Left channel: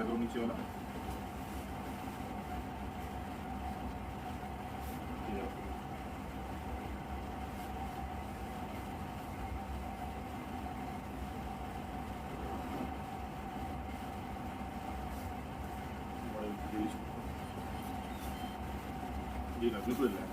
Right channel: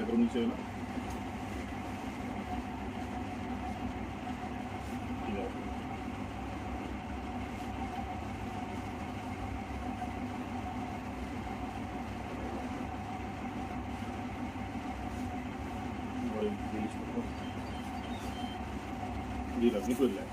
এটাকেও নিচে হলো। ঠিক আছে, রিলিজ করবো। আপনি করলেন